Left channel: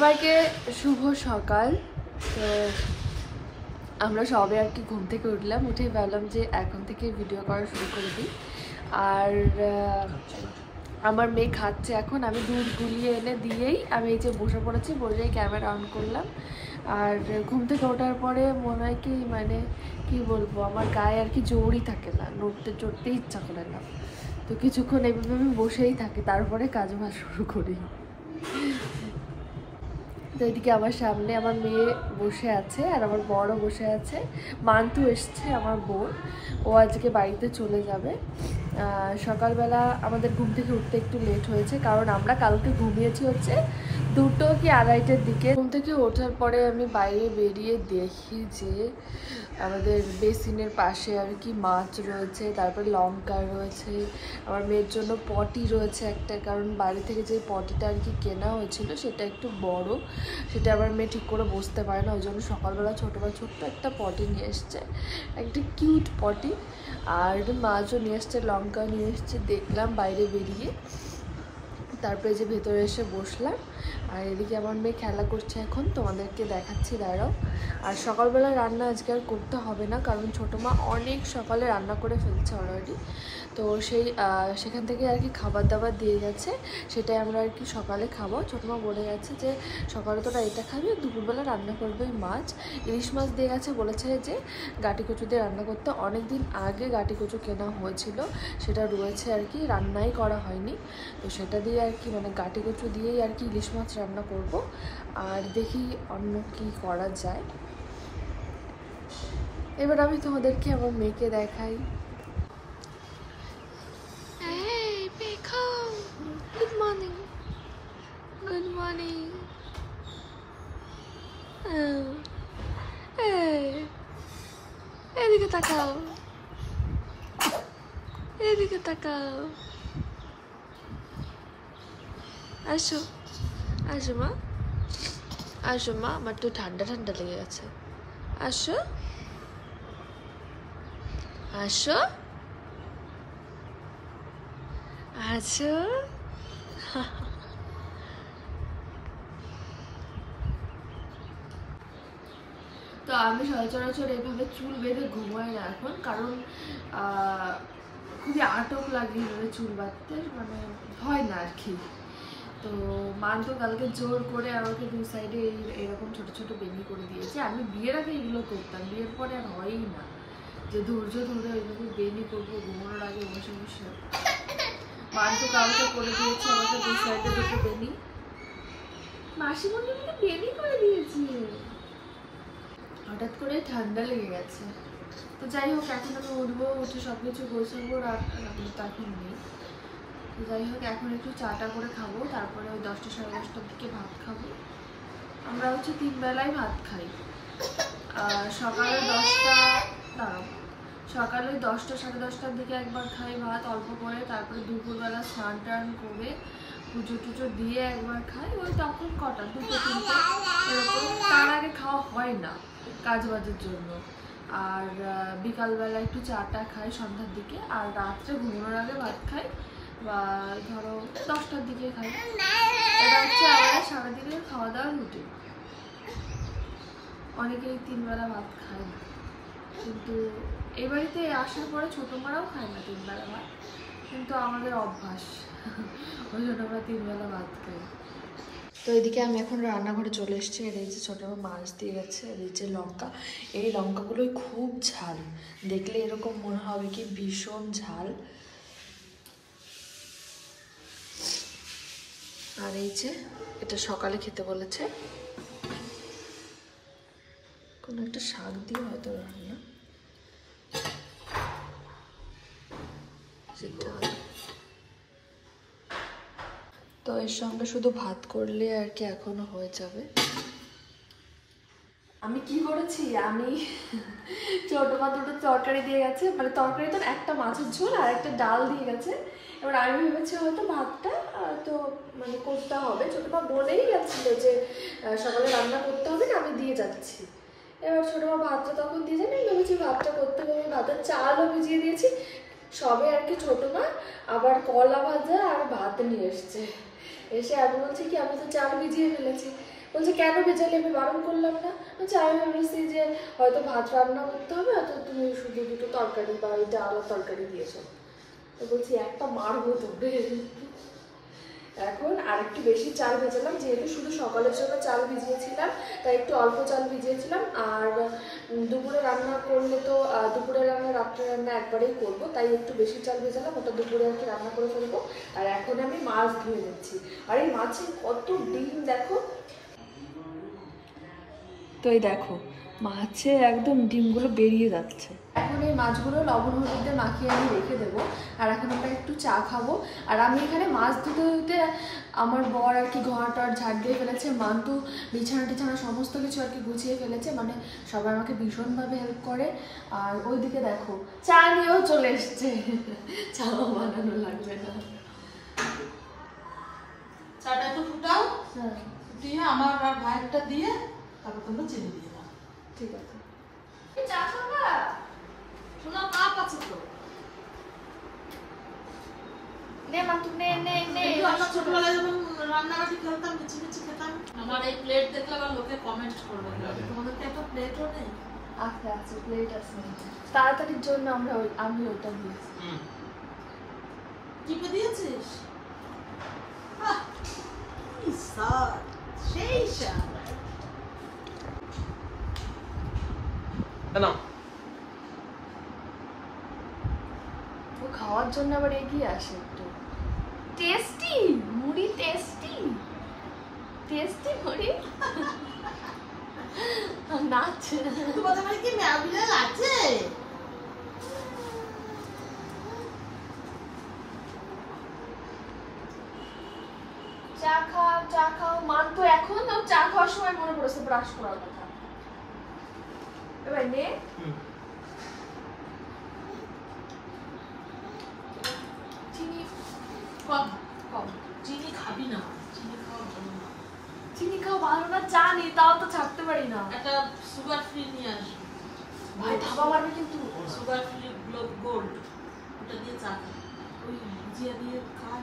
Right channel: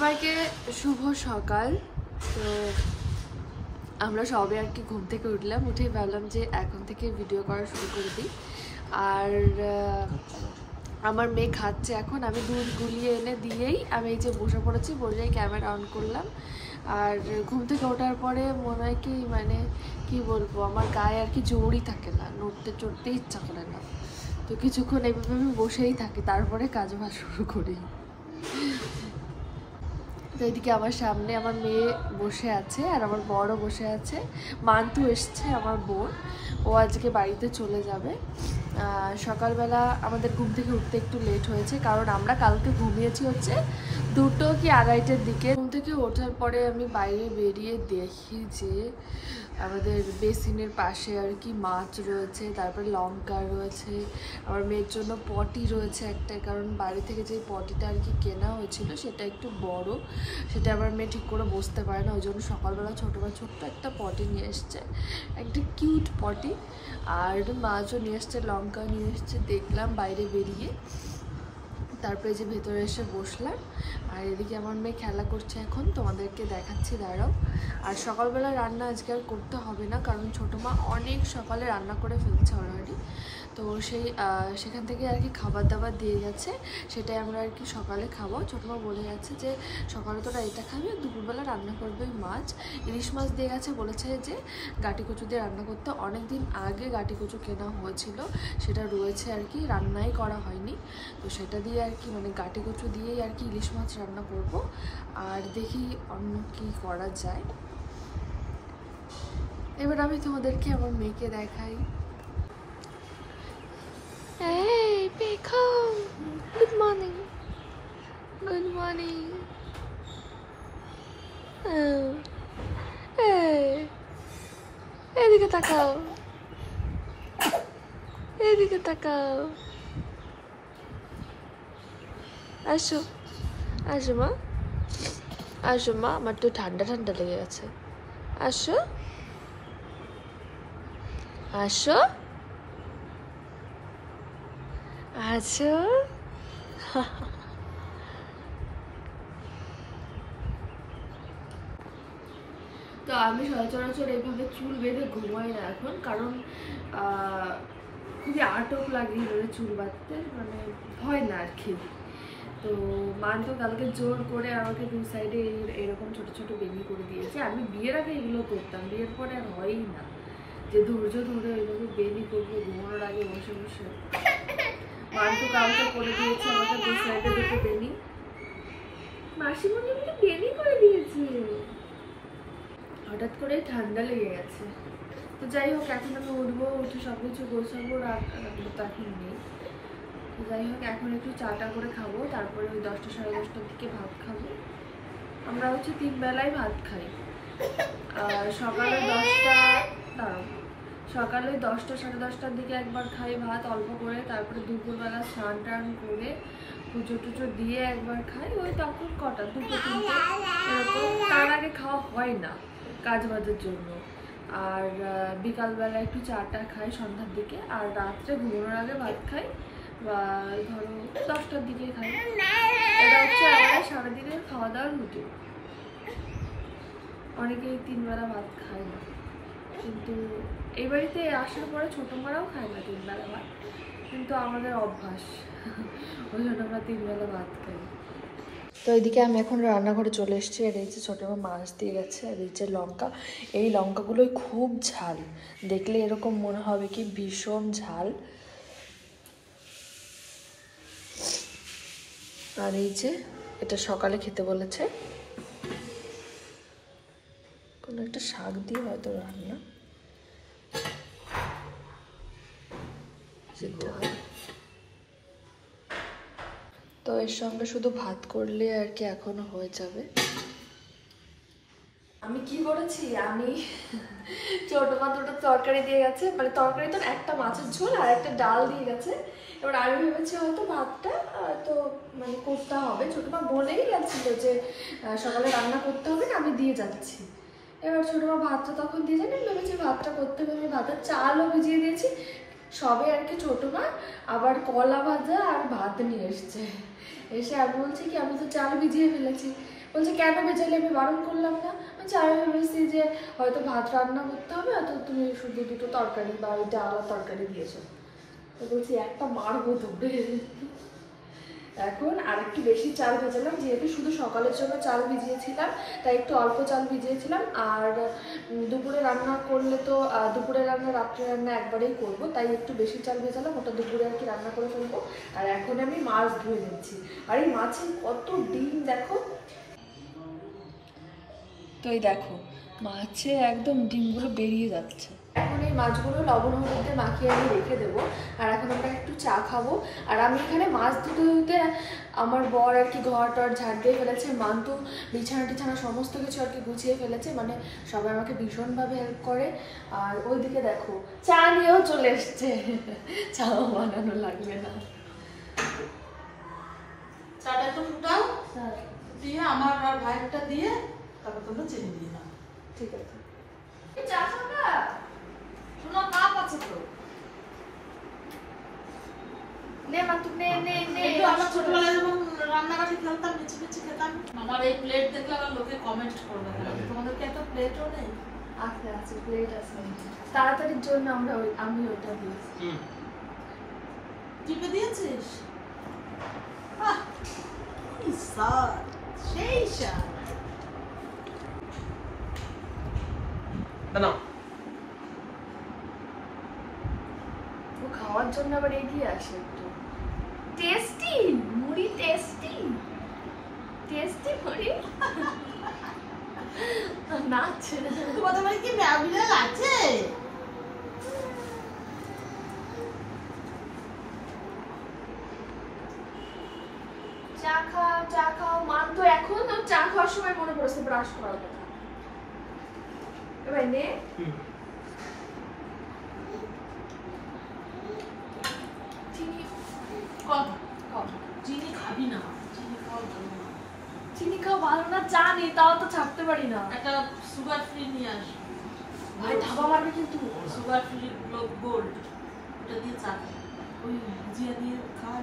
সবাইকে শুভ সকাল। তো আমরা সবে আর কি ঘুম থেকে উঠলাম, উঠেই ভাবলাম যে এখন থেকে ভিডিও করা শুরু করে দিই। আর আমার মেয়ে খাচ্ছে এখন, আমি দুধ গুলিয়ে এনে দিয়েই আমি এই যে বসে পড়েছি, বসেই ক্যামেরা অন করলাম। আর ঘুম থেকে ওঠার পরে মনে হয় কি মানে কি বলবো, আমার গায়ে আর কি জোরই থাকে না, নড়তে চড়তে ইচ্ছা করে না। তো কিছুক্ষণ এইভাবে আমি বসেই থাকি, তারপরে কাজ বাজ শুরু করি। তো এদিকে আমার সামনে আমার মেয়ে বসে আছে আর আমার বড়ও বসে আছে। মান্তু এসছে আমার বোন, ও আজকে বাড়িতে চলে যাবে। সকালবেলা আমাদের ঘুম থেকে উঠতে একটু লেট হয়েছে, কারণ আমরা কালকে ঘুমিয়েছি হচ্ছে 2টো কি 2:30টার দিকে। ঘুম থেকে ওঠার পরে আমি বাইরে বেরিয়ে দেখি যে আমাদের বেসিনের পাশে আর কি মাছ রয়েছে, তারপরে লঙ্কা রয়েছে, আমার মেয়ের জন্য পটি রয়েছে একটা, কারণ বাড়ি থেকে যে পটিটা আর কি কেনা হয়েছিল সেটা একটু বড়, সেটা আমার মেয়ে ঠিক করে বসতে পারে না, ওই জন্য সকালবেলা ছোট্ট একটা পটি নিয়ে এসছে, একটা কিউট পটি। আর মাছও নিয়ে এসছে, লঙ্কা নিয়ে এসছে। দেখলাম বাইরে বেরিয়ে, তারপরে যে ভেতরে এসে বসলাম। আর এদিকে আমার মেয়ে খেলা করছে, এখন তোমাদেরকে দেখাচ্ছি, দাঁড়াও। আর সকালবেলা রান্না আজকে আর করতে হবে না, কারণ ছোটো মা অনেক সকালে রান্না করে ফেলছে অলরেডি। তো সেখান থেকে আর কি খাবার দাবার দিয়ে গেছে, সেটাই আমরা আর কি সকালে খাবো। ছোটো মা বলে গেছে যে সকালে তোরা এটা খাবি, দুপুরবেলা রান্না করবে মাছ, ইলিশ মাছ দিয়ে গেছে। বলেছে যে গাটি কচু দিয়ে রান্না করতে, অনেক দিন আগে গাটি কচু কেনা হয়েছিল, সেটা রয়েছে আর কি, রান্নাই করা হয়নি। তো সেটা দিয়ে আর কি মানে গাটি কচু দিয়েই আর কি ইলিশ মাছ রান্না করব। আর দেখি অন্য কি করা যায়। এবার আমি তোমাদেরকে আমার মেয়েকে দেখাই। এই দেখো, গুড মর্নিং, গুড মর্নিং। এদিকে তাকাও, এদিকে তাকাও। আসো, আসো মা, আসো মা, আমার তো ঠান্ডা ঠান্ডা লেগে গেছে। আসো, আসো, আসো। তো আমি সচরাচর এইভাবে চুল বেঁধে ঘুমাই না এখন, কারণ খুবই আটক লাগে এভাবে চুল বাঁধতে, মানে হয় না আর কি। তো মান তো কালকে জোর করে আমাকে দুই সাইডে এরকম ছোট ছোট বেনি করে দিয়েছে। আমি বিয়ের আগে এগুলো করতাম, বিয়ের পরে আর হয়ই না যে ধৈর্য ধরে ওইভাবে বেনি করবো ঘুমানোর আগে বসে বসে। মান তো কালকে করে দিয়েছে আমাকে দুই সাইডে দুটো বেনি, মাসি মনে বেনি করে দিয়েছে। হঠাৎ করে ঠান্ডা লেগে গেছে। তো যাই হোক, এখন আমি উঠবো, উঠে সব কিছু গোছাবো, রান্নাগুলো তো এখন নেই। তো যাই হোক, এখন একটু চাটা করে খাবো, তারপরে ওই 10টা সাড়ে 10টার দিকে ভাত খাবো। আমরা হচ্ছে 3 বেলায় ভাত খাই। সকালে 10টা, দাঁড়াও, সকালে 10টা সাড়ে 10টার দিকে একবার খাই ভাত অল্প করে, তারপরে দুপুরবেলা স্নান টান করে পুজো টুজো দিয়ে একবার খাই, ওই তখন কটা 2টো 3টে এরকম, তার আগে খাওয়া হয় না কাজ বাজের জন্য। আর বিকালবেলা একটু চাটা খাই সন্ধ্যার দিকে, আর রাত্রে ঘুমানোর আগে ভাত খাই, বা ধরো 10টার দিকে খাই। এটা হচ্ছে আমাদের সারাদিনের খাওয়া দাওয়ার রুটিন। অনেকেই 3 বেলা ভাত খায় না, কিন্তু এই বাড়িতে আসার পরে ছোটো মারাও খায় না 3 বেলা ভাত, কিন্তু আমাদের অভ্যাস, ওই জন্য আমরা 3 বেলা ভাত খাই। তো এইদিকে আমি এখন রান্নাঘরে চলে এসেছি, আর এই যে ছোটো মাছ দিয়ে গেছে, আর এই যে লঙ্কা, এই লঙ্কাগুলোই খুব ঝাল, দেখলে এরকম মনে হবে কি ভীষণ ঝাল। আর এই যে এটা সকালে খেতে বলেছে, কোনো একটা শাক দিয়ে হয়তো রান্না, সেটা তো এর সঙ্গে শুধু ভাত করলে আর কি এখনো হয়ে যাবে। আমি কি করেছি, আমি ছোট মা 2টো তরকারি দিয়ে গেছে, মানে তরকারি তো একটা মাছের ঝোল আর একটা ডাল দিয়ে গেছে। এবার আমি ভেবেছি হয়তো ভাতটা তো মানে করতে হবে, ছোট মা বলেই গেছিল যে সকালে রান্না করতে হবে না, আমি দিয়ে যাচ্ছি। এবার ছোট মা ভাতটা তখন দিয়ে যান, আমি ভেবেছি ভাতটা করতে হবে, ভাতের চালও ভিজিয়ে দিয়েছি সবে আর কি। ছোট মা আবার কলা ভাজা আর ভাত নিয়ে এসছে, এসে আমি বলছি কি আমি তো চাল ভিজিয়ে ফেলেছি। বলছে কেন ভেজালে, আমি বারণ করলাম না। বলছে আমি ভেবেছি যে হয়তো ভাত রান্না করতে হবে, হয়তো তুমি শুধু দুটো তরকারি বা ওই ডাল আর তরকারি দিয়েছো। তো বলছি একটা মারবো তোকে। এখন আরেকটু বেশি চাল ভেজালাম, যেহেতু শুধু সকালের জন্য চাল ভিজিয়েছিলাম তাই একটু অল্প চাল ভিজিয়েছিলাম। আর দুপুরে রান্না করলে তো দুপুরে রান্না রাত্রে রান্না একবারেই করব, তাই একটু বেশি চাল ভেজালাম, ওটা দুপুরে আর কি রান্না করে ফেলবো। আর এখন আমি মাছ ধুয়ে নিচ্ছি। আর এই মাছে কত ডিম দেখো, তো এই দেখো মাছে একদম ডিমগুলো বেরিয়ে যাচ্ছে। এখন এই মাছগুলো লবণ হলুদে মাখিয়ে আমি রেখে দেবো। আর এখন আমরা একটু চা খাবো। আর আমি এখানে মাছ ধুতে ধুতে আমার বর আর কি ঘর টর ঝাড় দিয়ে ফেলেছে, মান্তু বিছানা টিছানা সমস্ত কিছু আর কি গুছিয়ে ফেলেছে, মানে সবাই আমাকে ভীষণভাবে হেল্প করে। আর ওইদিকে দেখো চা নিয়েও চলে এসছে, চাও বানানো লাগবে না। চাটা তো ফুটাও, দিয়ে আমার আর ভাইয়েরটা দিয়ে তারপর তোমরা চিনি দিয়ে দাও। ঠিক আছে। চা খাবা? শোনো কাপ আছে তো, নে মান্তু নে নে নে। আমরা ছোটবেলায় যখন রান্নাঘাটে খেলতাম মিছি মিছি খেতাম, আমার এই প্লেট দেখে আমার লোকে কমেন্ট করবে, তোমাদেরকে একটা প্লেটও নেই? আছে আছে, প্লেট আছে। তাড়াতাড়ির জন্য আমি ওটা দিয়েছি। টিপে দিয়েছিস? সেই স্বাদ। খাওয়ার জন্য আবার এগিয়ে আসে একটু। টেস্টি মুড়ি, টেস্টি টেস্টি মুড়ি। নাচছে। তোমাদের বাড়ি কি ম্যাবিলাল আছে? চা খাও চা খাও। মান তো এখন তো চা খাওয়ার সময় মনে পড়েছে ব্রাশ করার কথা। এবার নে। চিনি কম কম, চিনি খাবি না, চিনি খাওয়া ভালো না। চিনি খাওয়া ভালো না জানি, তাও তো ছাড়তে পারি না। একটা সুগার ফ্রি নিয়ে আসবি ভাই, ধাবা মারবে কিন্তু। সুগার ফ্রি গোল্ড, ওটা দিয়ে চা খাই, ওই ভুজিয়া দিয়ে খাই।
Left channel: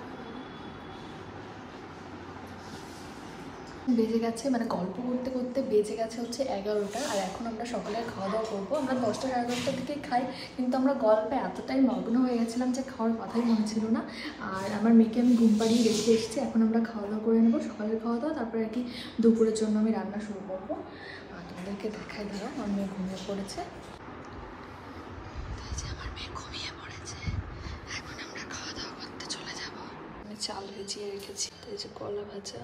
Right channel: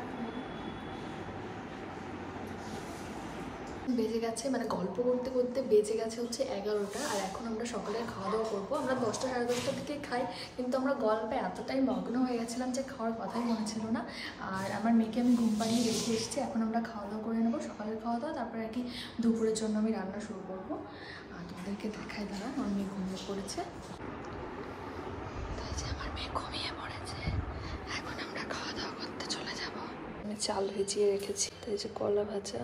বেজে গেছে, মানে গল্প করতে করতে বেজে গেছে হচ্ছে 11টা। আর এখন আমরা সকালে খাওয়া দাওয়া করবো। আমরা 10টা সাড়ে 10টার দিকে খাই, কিন্তু আমরা গল্পে এতটাই মগ্ন হয়ে গেছিলাম যে খাওয়ার কথাই মনে ছিল না। আর আমার মেয়েকে আমি ঘুম পাড়িয়ে রেখে এসেছি। এখন আমরা খাওয়া দাওয়া করে নেবো, সকালের খাওয়া দাওয়া, তারপরে আর কি দুপুরের জন্য আমি রান্না শুরু করবো। আর তোমাদেরকে দেখাই, দাঁড়াও। আমার মেয়ে ঘুমিয়ে পড়েছে, আমার মেয়ে ঘুমিয়ে পড়েছে। এখন আমরা খাওয়া দাওয়া করতে চলে যাব। আমি চাল ভিজিয়ে রেখেছি, তাই যে কলা ভাজা,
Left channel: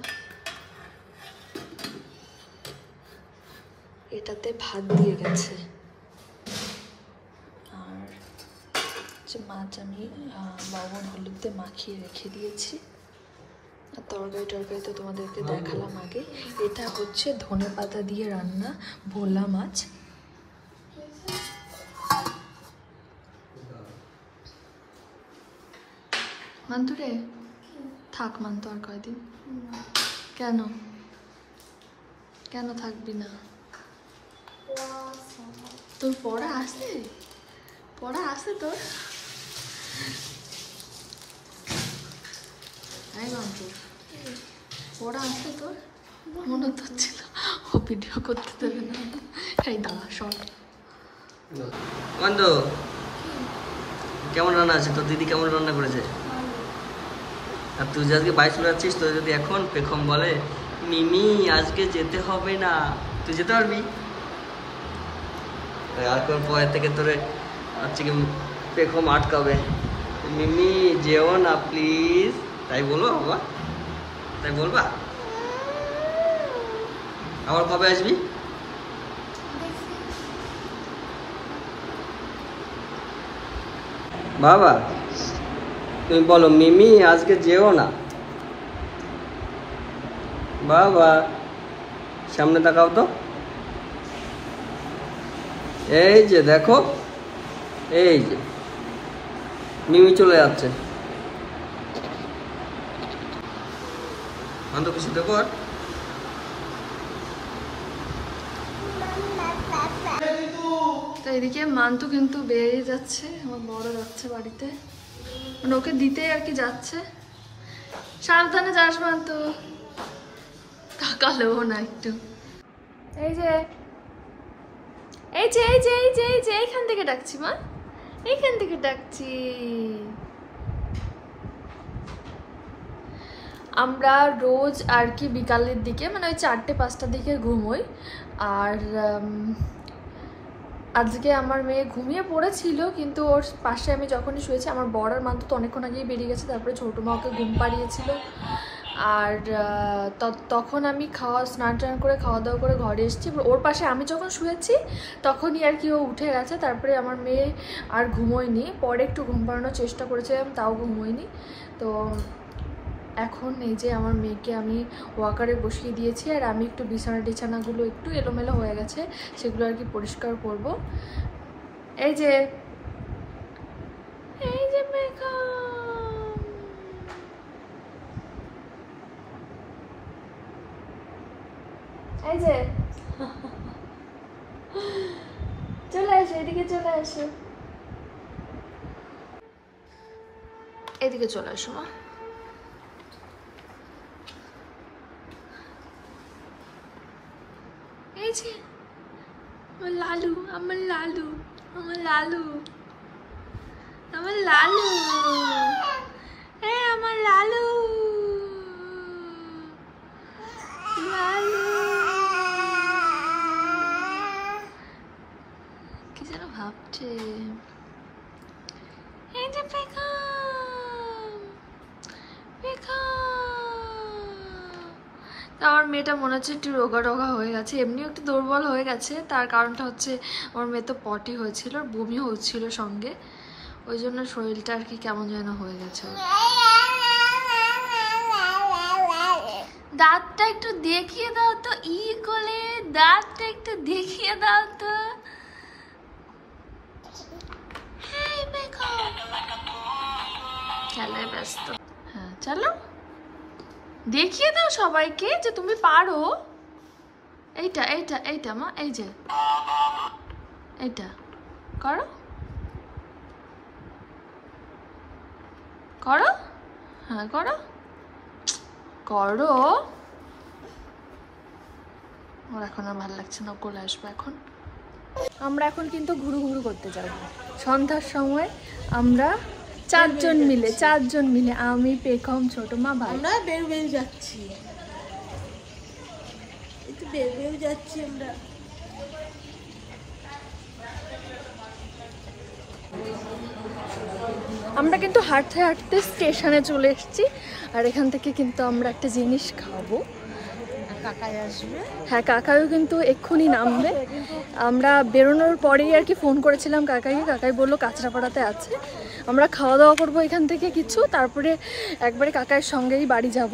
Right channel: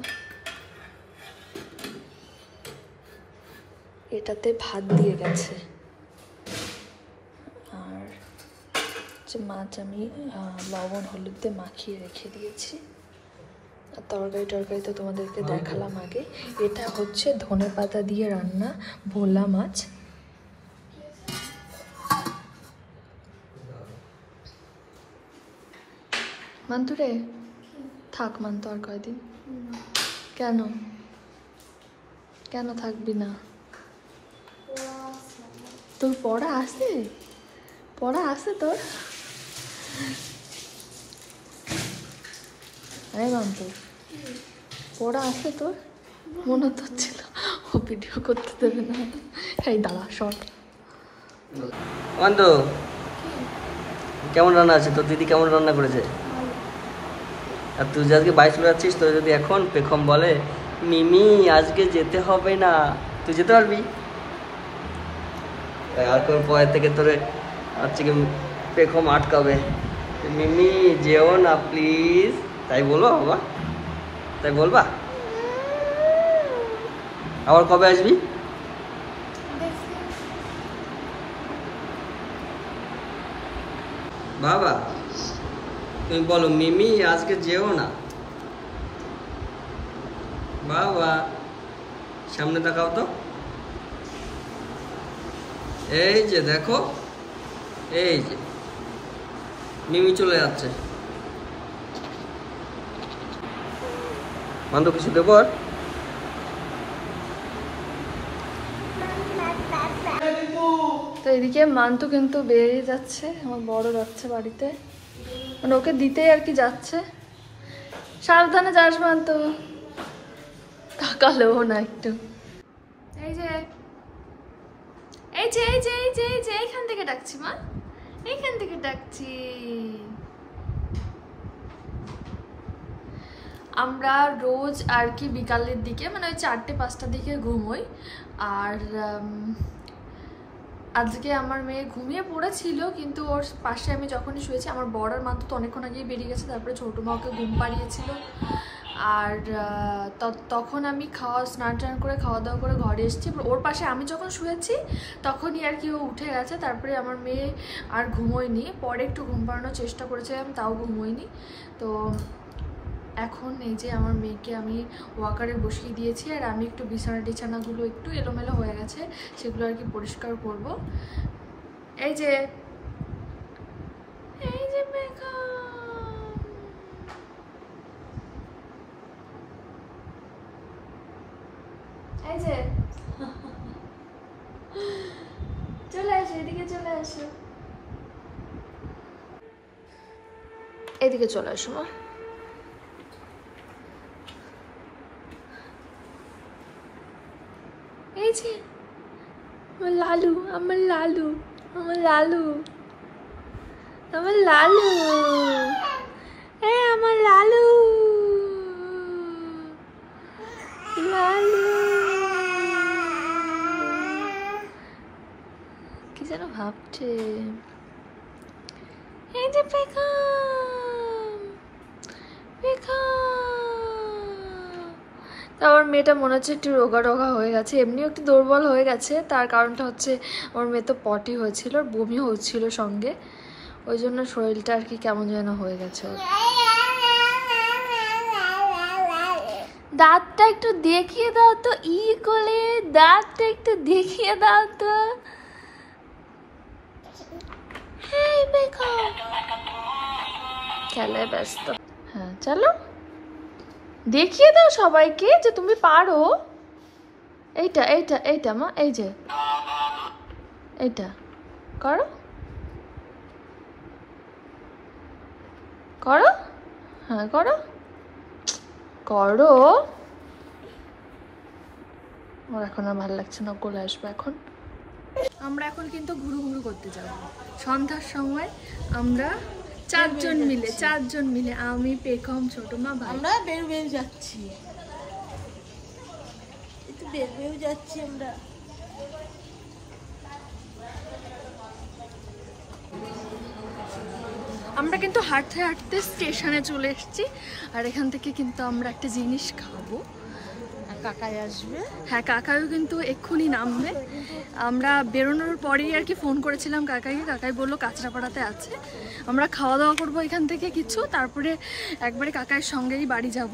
এটাতে ভাত দিয়ে গেছে। আর যে মাছ আমি লবণ হলুদ দিয়ে মাখিয়ে রেখে দিয়েছি। আর তরকারি তো তোমাদেরকে দেখালাম আগে। এটা হচ্ছে ধনেপাতা দিয়ে রান্না ভোলা মাছ। মান্তুরে থাক, মান্তু আর কয়দিন। কেন কেন থাকবি না? তোর পড়া আছে, পড়া আছে তোর? হ্যাঁ মান্তু, পড়া আছে তোর? মনে তো হচ্ছিল ও ভিডিও করতে দেবে না। এই দাঁড়া, শর্ট। মান্তু কেমন রান্না আছে? তোর দিদি কেমন রান্না করেছে? আর তুই যে আজকে বাইক চালাচ্ছিস, তোর যদি এখন পেখম বলে মিমি আজকে যেতে হবে না, তুই যেতে পারবি? আর কোন পয়ের থেকে তোরে হচ্ছে কি পেখম আটকাবে, মিমি যেও না প্লিজ, তাই বলো বাবা? তাই বলবা? আবার কবে আসবি? বাবা তুমি বলো মিমি আজকে যেও না। বাবা সামনে তাকাও তো, এই যে দেখো, এই যে মিমি চলে যাচ্ছে। মান্তু কিছু দেখো। আর তো এদিকে মান্তু কিন্তু বেরিয়ে যাচ্ছে, আমার বড় যাচ্ছে বাড়িতে, মানে ওকে দিতেই আর কি যাচ্ছে। সাবধানে যাস মান্তু। থাক কালো না একটু। এই যে এই যে এই যে এই যে এই যে এইখান থেকে ডাকছি মা, এইখান থেকে ডাকছি। আমরা রোজ আর কি বিকালের দিকে মানে ওই 4টে-5টার দিকে ঘুমোই। আর আজকে আমার মেয়ে ঘুমিয়ে পড়েছিল, কিন্তু ওর পাশে আমি যখনই শুয়েছি, আমার বড় আর মান্তু তো অনেকক্ষণ আগেই বেরিয়ে গেছে, তারপরে ছোটো মা ওকে ঘুম পাড়িয়েছিল। আর তখন আমি স্নান টান করে খাওয়া দাওয়া করে ঘরে এসেছি। ওর পাশে আমি যখন শুয়েছি তখনই আর কি ও উঠে গেছে। তারপরে আমার মেয়ে আর ঘুমোয়নি, পরে একটু ঘুম পাড়ানোর চেষ্টা করেছিলাম, তাও ঘুমোয়নি। তো এখন এই যে আমার মেয়েকে আমি ওয়াকারে বসিয়ে দিয়েছি, আর আমি একটু বিছানাগুলো একটু এলোমেলো হয়ে গেছে, সেগুলো আর কি পরিষ্কার করব। এই যে এই যে এই যে চলে আসো, এদিকে চলে আসো, এদিকে চলে আসো। এই যে আমার লালু, আমার লালু, আমার লালু, আমার লালু, এই আমার লালু, লালু কি যেন ভাবছে। এই যে পেখম, আমার মেয়েটা মনে হচ্ছে একটু রোগা রোগা হয়ে গেছে, এমনিও একটু দুর্বল হয়ে গেছে। তার কারণটা হচ্ছে আমার মেয়ে তো পটি হয়েছিল, বমি হচ্ছিল সঙ্গে, ওই জন্য শরীরটা আর কি কেমন যেন হয়ে গেছে। দাঁতটা একটু দেখিয়ে দাও তো, ই কোলে দাঁতটা একটু দেখিয়ে দাও তো। খেলায় ব্যস্ত। হ্যাঁ চলো দেখিয়ে দাও সবাইকে যে তুমি পারো। এইটা এইটা এইটা মা, এই যে এইটা করো করো, হ্যাঁ করো করো। ওর এখন আর ভালো লাগছে না, কোলে আসবে এখন। আমরা এখন কিন্তু ঘুরু ঘুরু করতে যাব সন্ধ্যার সময়। আমরা চারজন মিলে আমি, পেখম, ছোট মা, আমরা বের যাচ্ছি, একটু বের যাচ্ছি আমরা। আমরা কিন্তু হাঁটতে হাঁটতে স্টেশনে চলে এসেছি, আর এখান থেকে কিন্তু আমরা একটা জিনিস খাবো। কাকাই আসবে, হ্যাঁ কাকাইও কিন্তু এক্ষুনি নামবে। আমরা বেরোনোর পরেই আর কি ফোন করেছিলাম কাকাইকে, কাকাই বললো কাঁচরাপাড়াতে আছে। আমরা খাওয়া দাওয়া করবো এখান থেকে কিছু, তারপরে একবারে কাকাইয়ের সঙ্গেই বাড়ি যাব।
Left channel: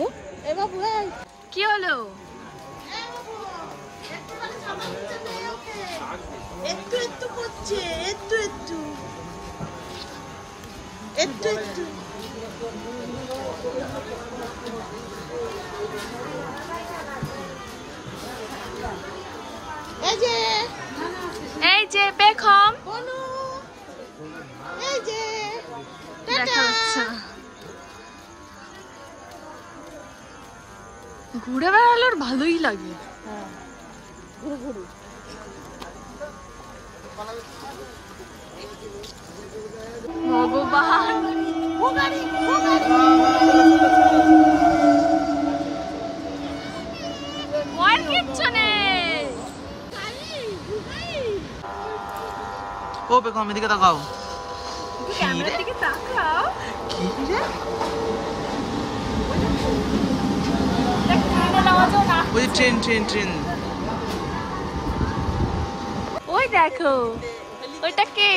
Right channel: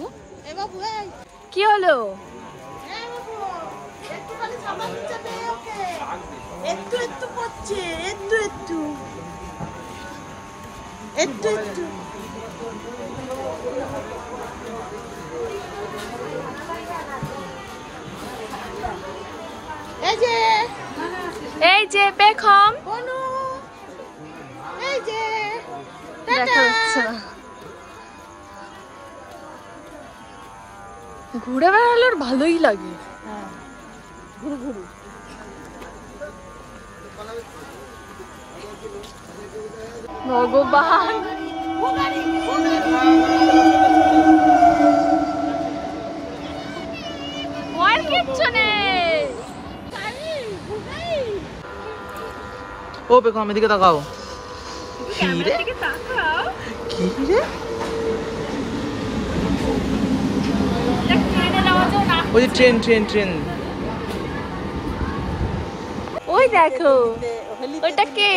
কি হলো? এই যে পেখম, দেখা যাচ্ছে না, ঘুরে বেড়ালে ভালোই লাগে। ভগবান কিচ্ছু নেই। ও পেখম এদিকে তাকাও। কি রে? কি রে? ওই ট্রেন ট্রেন ট্রেন, ওই দেখো ওইটা কে?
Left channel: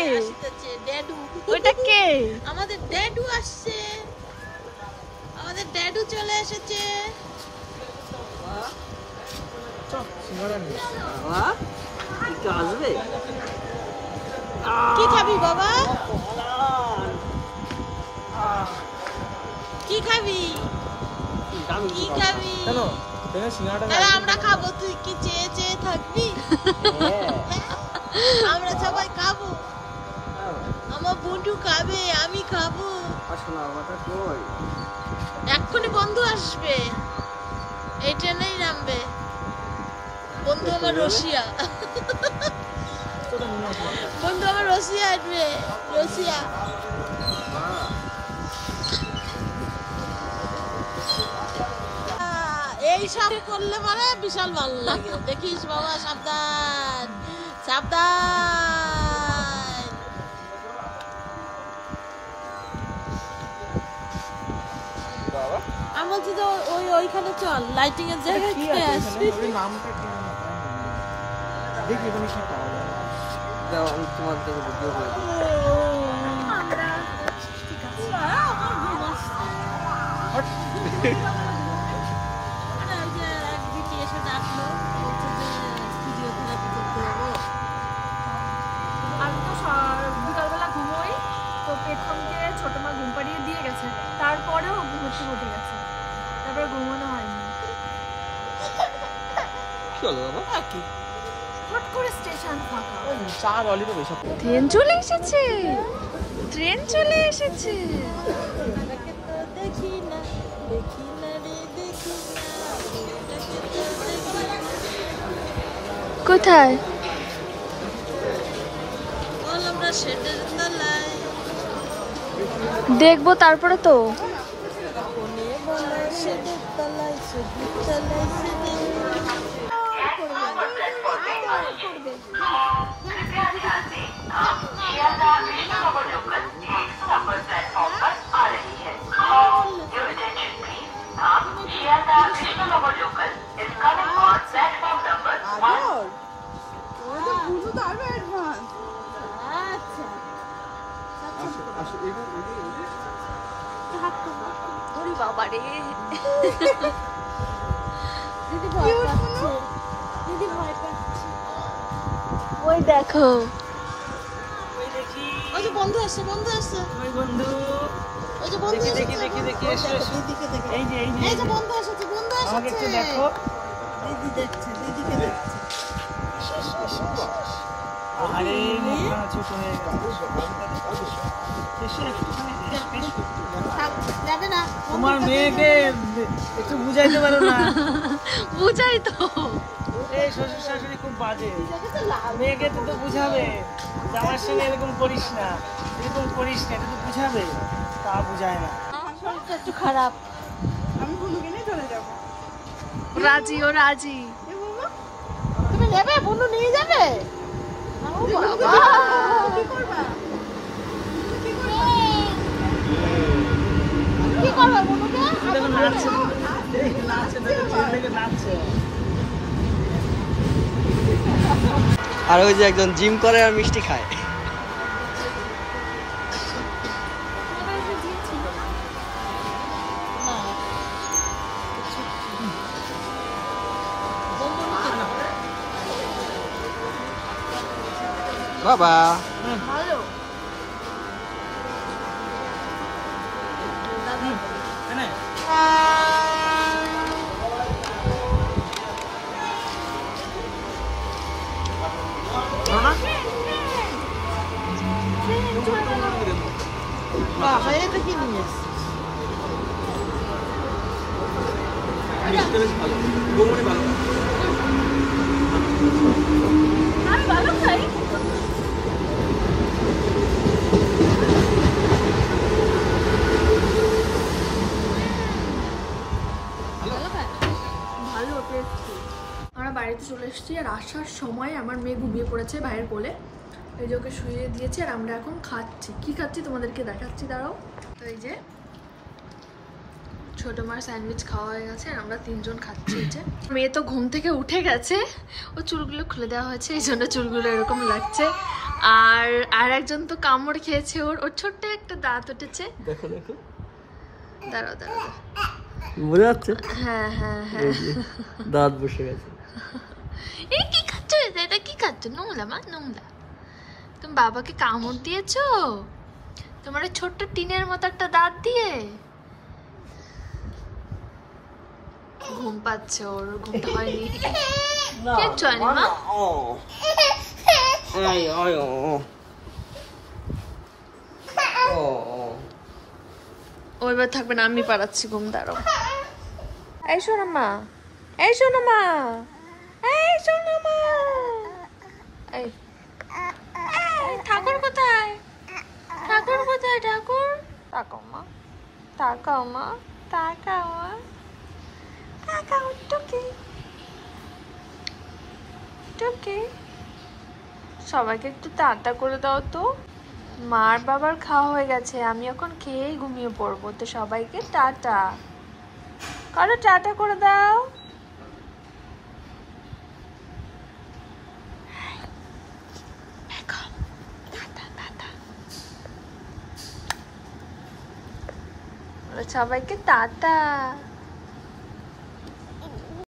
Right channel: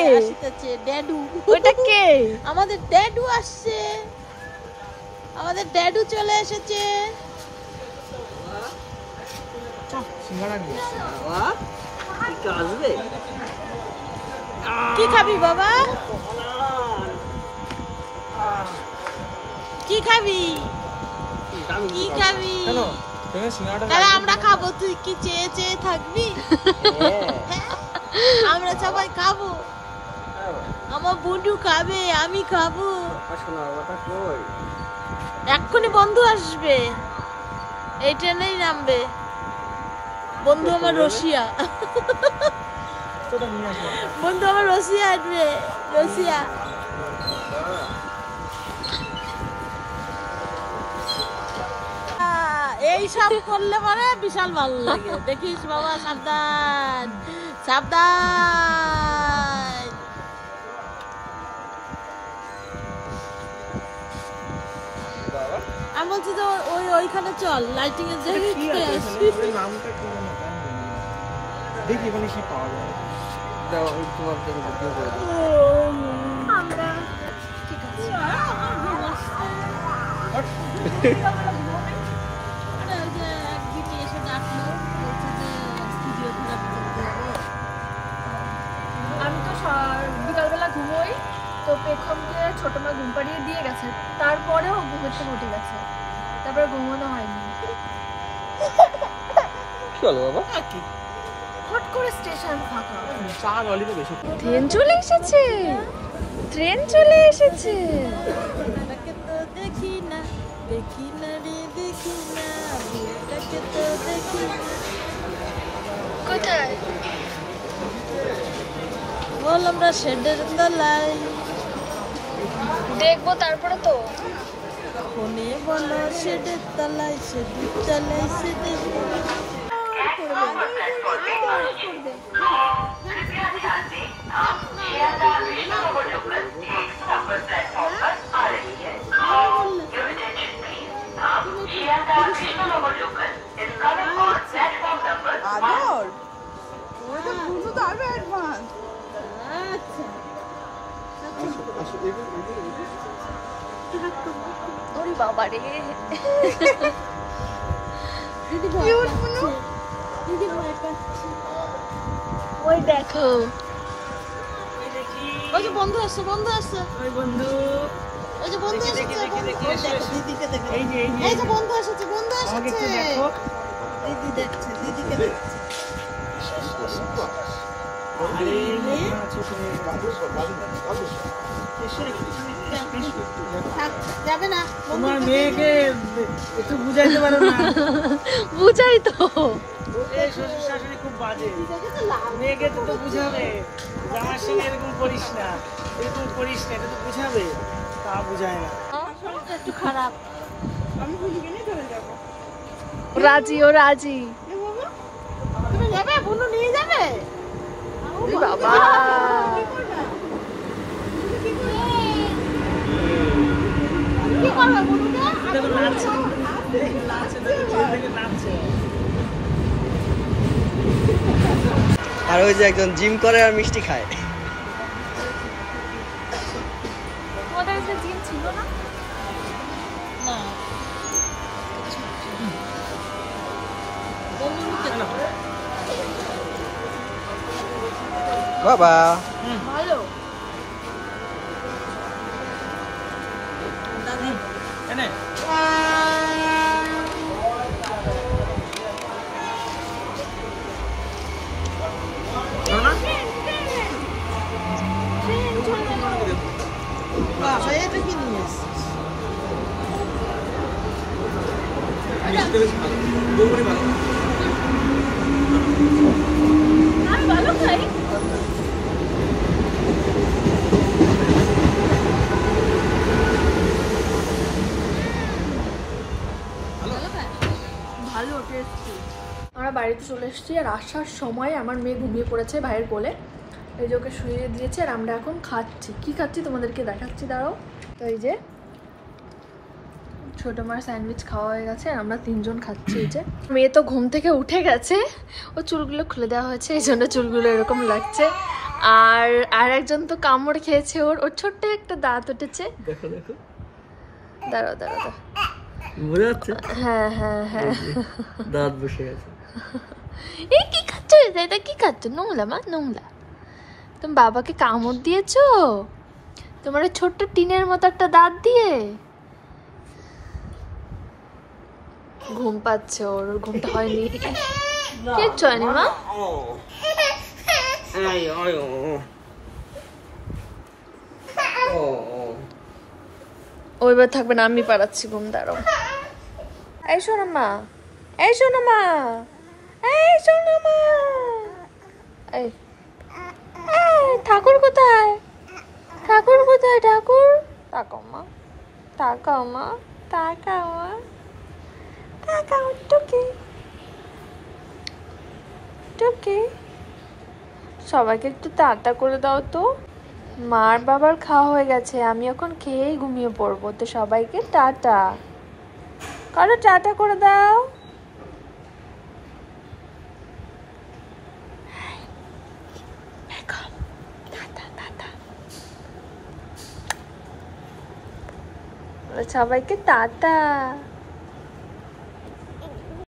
ওইটা কে? আমাদের ড্যাডু আসছে, আমাদের ড্যাডু চলে এসেছে। একটু আসবে। কি খাবি বাবা? কি খাবি? কি খাবি? আমরা খাবো, তুই কি চেয়ে চেয়ে থাকবি? আমরা সবাই খাবো, আমার বন্ধু খাবে, আমি খাবো। এক্ষুনি বন্ধু আসবে, এই ট্রেনেই নামবে। বন্ধু আমার রশিয়া, বন্ধু আমার রশিয়া আসবে, রশিয়া। এইসব করলে মানে বিশাল ভালো লাগে। দেখিস বাবা, সাবধান সাবধান। আমি বলছি যে ওইখানে চল, লাইটিং এর জায়গায় আসবি। নামটা কি জানো দেখি ওখানে কি পাওয়া যায়। দাও আমি তোমাদের ভিডিও করে দেব। আমরা ঠিক আছে। আরে ওই যে এক দিদি এসে ডাকলো, বলছে যে স্টুডিও থেরাপি করতে হবে। আমি তো বিকালবেলা ঘুমোই, তো পেখমকে ছোট মা ঘুম পাড়িয়ে দিয়ে গেছে, তারপরেও ঘুমের থেকে উঠে গেছে, তারপরে ঘুমানো হয়নি। চলো বাবা। কি হট করে স্টেশন ফাঁকা। চা বলি তো বেশি। ট্রেন চলে এসেছে, ট্রেন চলে এসেছে। দেখি না দেখি না রে দেখি না। কোথায়? বল আমরা শেডের তলায়, দেখবো তারপরে তো। কোনে বলে শেডের তলায়, শেডের তলায় শেডের ওরে বাবা রে, দিদি ভয় পাচ্ছে, দিদি ভয় পাচ্ছে। ওই দেখো, ওই যে বন্ধু আসছে, বন্ধু আসছে, ওই বন্ধু ওই যে বন্ধু দেখি দেখি এসেছে, দেখি দেখি ওই দেখো, দিদিকে দেখো। এই যে এই যে বন্ধু এসেছে, বন্ধু আমাকে এসেছে। একটু দেখো। দিদি দেখছে, দিদিকে দেখছে। আরে মুখখানা ছোট হয়ে গেছে। এসে একটুখানি থাক, যাবে না। তোমার মেয়েকে একটু বুঝাইতে পারো না। বুঝাই তো। এই শ্বশুর শাশুড়ি খুব বাজে। মেয়েকে তো বুঝাবে, যাওয়ার সময় এরকম করিস না, এরকম করিস না, এটা তো বুঝাবে। তা বুঝায় না। একটু খারাপ। আমি বন্ধুকে নিয়ে চলে যাবো। রাজি, ও রাজি। তুমি নেবে, বন্ধু নিয়ে যাবে। বাবা, কি করবা? কি করবা? কি করবা বন্ধুকে? দেখুন নাচছে, নাচতে হবে। নাচছে। আর ওই যে একজন জিম করে আর মিষ্টি খায়। তোমাদের কাছে জিম ছিল না? না। বন্ধু বাবা ভালো। এনে এটা কি নিস? আমি ভালো খাই। ভালো টেস্টি। আমরা বাড়িতে চলে এসেছি, আর আসার সময় আমার মেয়ে ঘুমিয়ে পড়েছে ভাইয়ের কোলে। এই যে ওকে শুয়ে দিয়েছে, আর আমরা এখন খাচ্ছি। কি খাচ্ছি তোমাদেরকে দেখাচ্ছি, দাঁড়াও। তো এই যে ছোট মার স্যান্ডউইচ খাওয়া হয়ে গেছে, আর আমরা তিনজন খাচ্ছি। এই যে মেয়ে তো ঘুম থেকে উঠে গেছে, ও চুলগুলো খুলে দেওয়া হয়েছে, এই জন্য চুলগুলো এরকম লাগছে। আর একজন তো কামড় খেয়েছে, ওর ছোট্ট একটা দাঁত উঠেছে। দেখো দেখো, দাঁড়াও দাঁড়াও দাঁড়াও। বোঝা যাচ্ছে হ্যাঁ হ্যাঁ হ্যাঁ, দাঁত বসে গেছে। এই কি খাচ্ছ? এটা কি খাচ্ছ? নোংলা মা, নোংলা। তুমি বাবাকে কামড় দিয়েছো তোমার ওই ছোট্ট টিনের মতো একটা দাঁত দিয়ে। ঘুম পাচ্ছে, ওর ঘুমটা হয়নি। কিচ্ছু হয়নি মা। ওইবার থাকবে না, আমি পাড়াচ্ছি ঘুম। দাঁড়াও। এই শোনো মা, এই শোনো মা, এই শোনো। তাকাও মা, তাকাও মা, তাকাও টুকি টুকি। সবাইকে একটু টাটা করে দাও তো। মার বাবার খাওয়া হয়ে গেছে, আমি এখন খেয়েই ঘুমিয়ে পড়বো। তো সবাইকে টাটা করো, টাটা করে দাও। সবাইকে টাটা।